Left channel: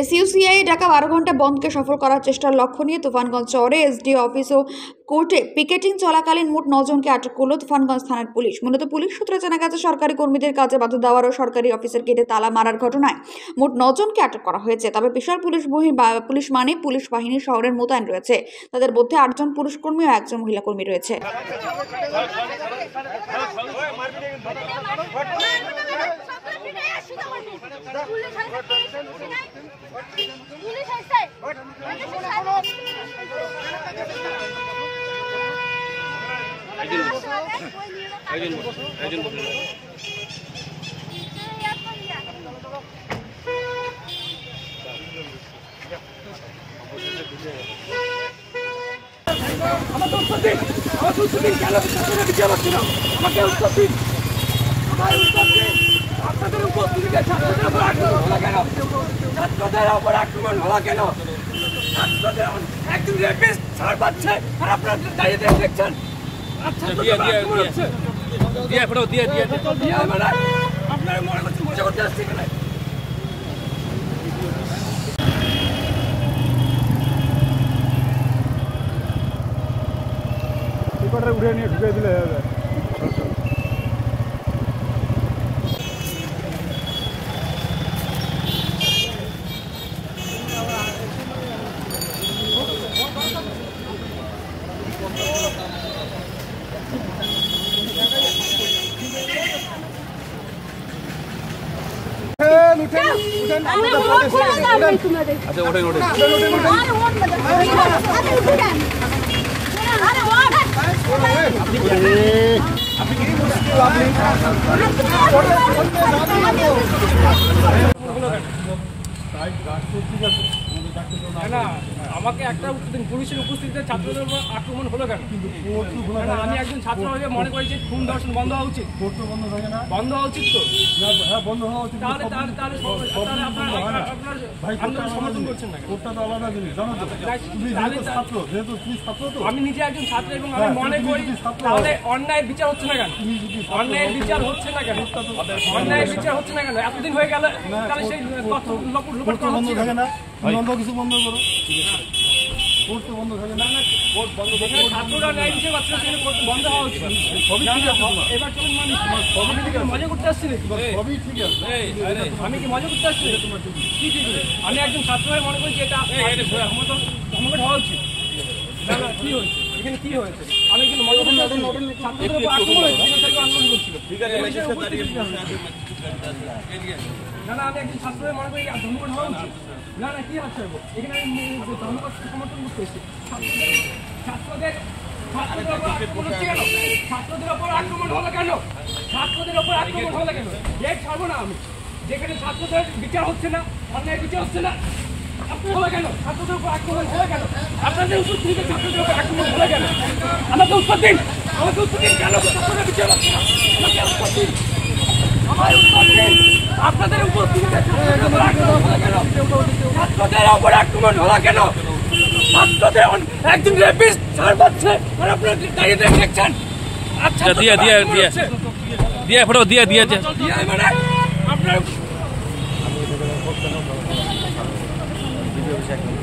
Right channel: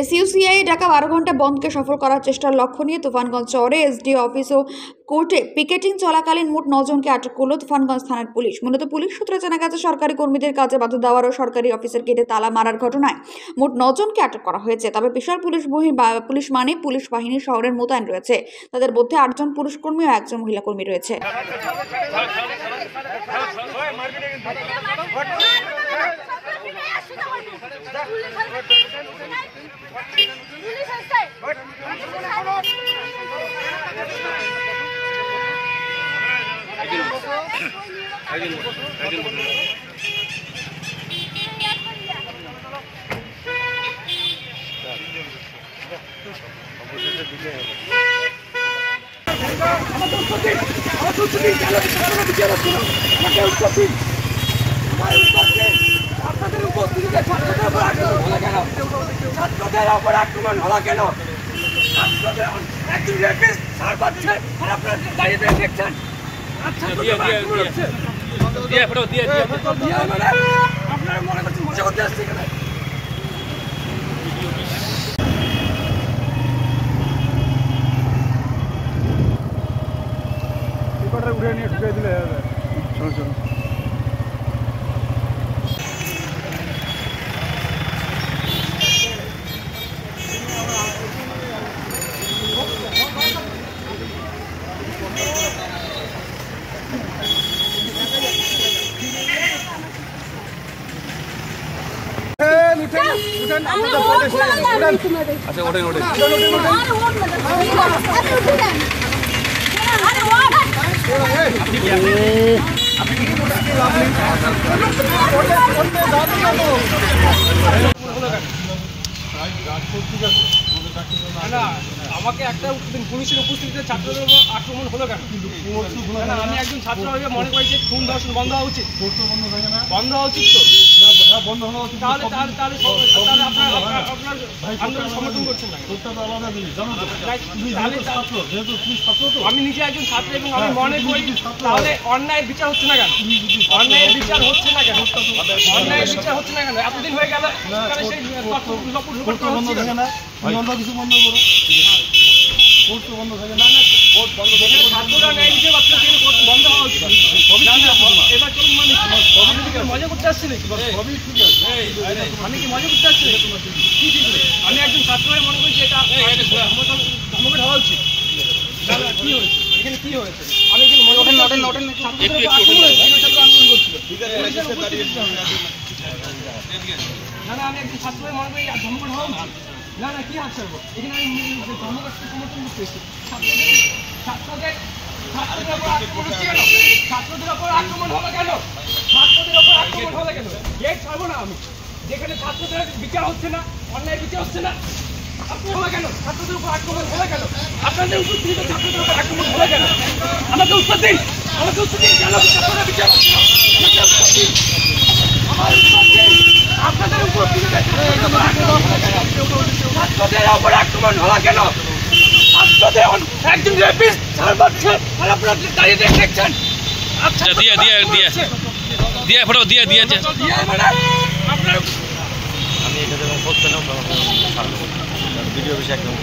এসইউসিআই ডাকা 12 ঘন্টা বন্ধকে সফল করার চেষ্টার লক্ষ্য নিয়ে তুফানগঞ্জ শহরে এসডিও অফিস ও কোর্টে পিকেটিং চলাকালীন মোট 9 জনকে আটক করল তুফানগঞ্জ থানার পুলিশ। মূলত পুলিশ সূত্রে জানা গেছে, সরকারি কর্মীদের কাজে বাধা দেওয়ার ও সরকারি অফিসের গেটে তালা মারার ঘটনায় মোট 9 জনকে আটক করা হয়েছে। তবে বিশাল পুলিশ বাহিনী শহরের মোতায়েন রয়েছে। তাদের মধ্যে 8 জন পুরুষ কর্মী ও 1 জন মহিলা কর্মী রয়েছে। আমাকে একটা পুলিশের উপস্থিতিতে ছাত্রদের আক্রমণ হলো কেন? আমি একজন ছাত্র হয়ে মনে করি যে খুন ধর্ষণ বন্ধ হওয়া উচিত। বন্ধ হওয়া উচিত তো? হ্যাঁ, বন্ধ হওয়া উচিত। তাহলে আপনার সমর্থন করছেন না? কোর্টটা তো আলাদা জিনিস, জানো তো? যেহেতু তুমি ছাত্র তো। আমি নিজে একজন ছাত্র এবং আমি মনে করি তাহলে অন্যায়ের বিচার হচ্ছে না কেন? অন্যায়ের বিচার হচ্ছে না কেন? অন্যায়ের বিচার হচ্ছে না কেন? এতদিন হয়ে গেল কোর্ট বন্ধ থাকে না, অন্য কিছু বন্ধ করো। কোর্ট তো বন্ধ থাকে না, কোর্ট বন্ধ থাকে। ছাত্ররা ন্যায় হিসেবে আপনার থেকে কোর্ট বন্ধ হওয়া উচিত। এবার চলুন, মানে মজা করতে আসছি নাকি? সবই ঠিক আছে, আমি কি মজা করতে আসছি? কি ঠিক নেই? আমি একজন ছাত্র হয়ে মনে করি যে এটা ধর্মঘট হওয়া উচিত। কি হয়েছে এখানে? কি হয়েছে? আমি কিন্তু ছাত্রদের উপর আক্রমণ হয়েছে, ছাত্র আন্দোলন করছিল। না, আমি একজন ছাত্র হয়ে মনে করি ধর্মঘট হওয়া উচিত। না, কি হাত ছাড়বো? এখানে আমি ধর্মঘটকে সমর্থন করতে এসেছি। ছাত্রদের উপর আক্রমণ হলো কেন? গেট ছাড়বো না আমি, যেখানে ছাত্রদের বিচার হচ্ছে না, অন্যায় বিচার হচ্ছে না। আপনি হলো কেন? ছাত্রদের উপর আক্রমণ হলো কেন? আপনাদের উপস্থিতিতে ছাত্রদের উপর আক্রমণ হলো কেন? আমাকে উত্তর দিন, কেন ছাত্রদের বিচার হচ্ছে না? আমাকে উত্তর দিন, আমার উত্তর দিন। আপনাদের উপস্থিতিতে ছাত্রদের উপর আক্রমণ হলো কেন? ছাত্রদের একজন রেপিস্ট ছাড় পাচ্ছে আর আপনারা দাঁড়িয়ে দেখছেন। আচ্ছা, দিয়ে ফটো দিয়ে মানে আপনার আমি এটা করতে না ভিডিও বিষয় একদম